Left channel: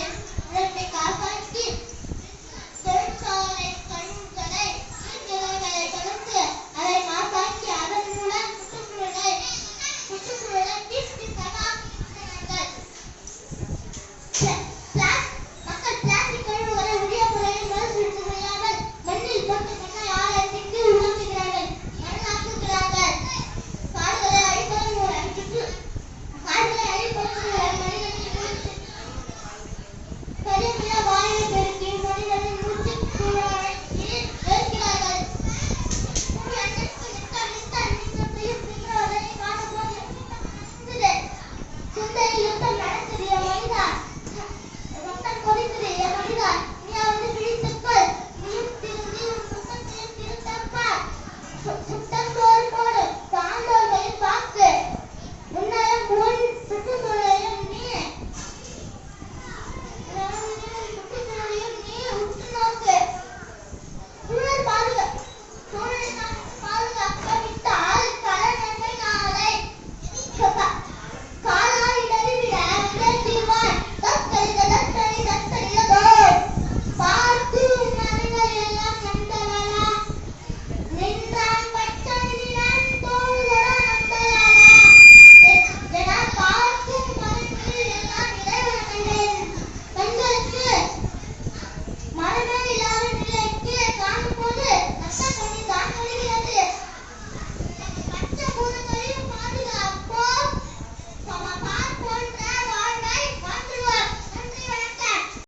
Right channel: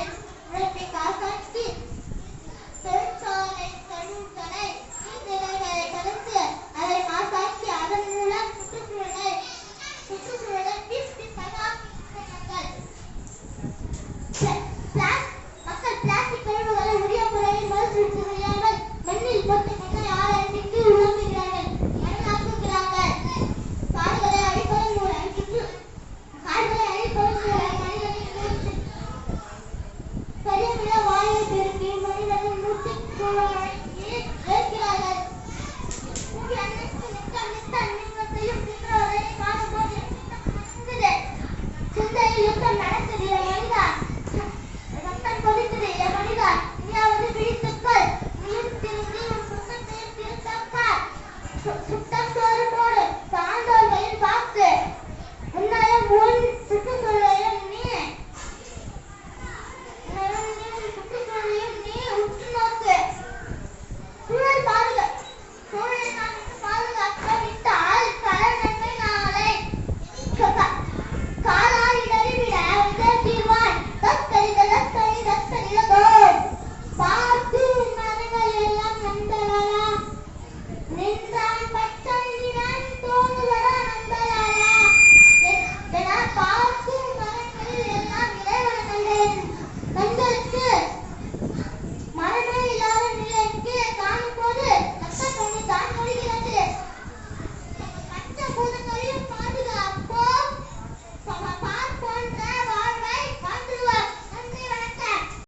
this is because of kids.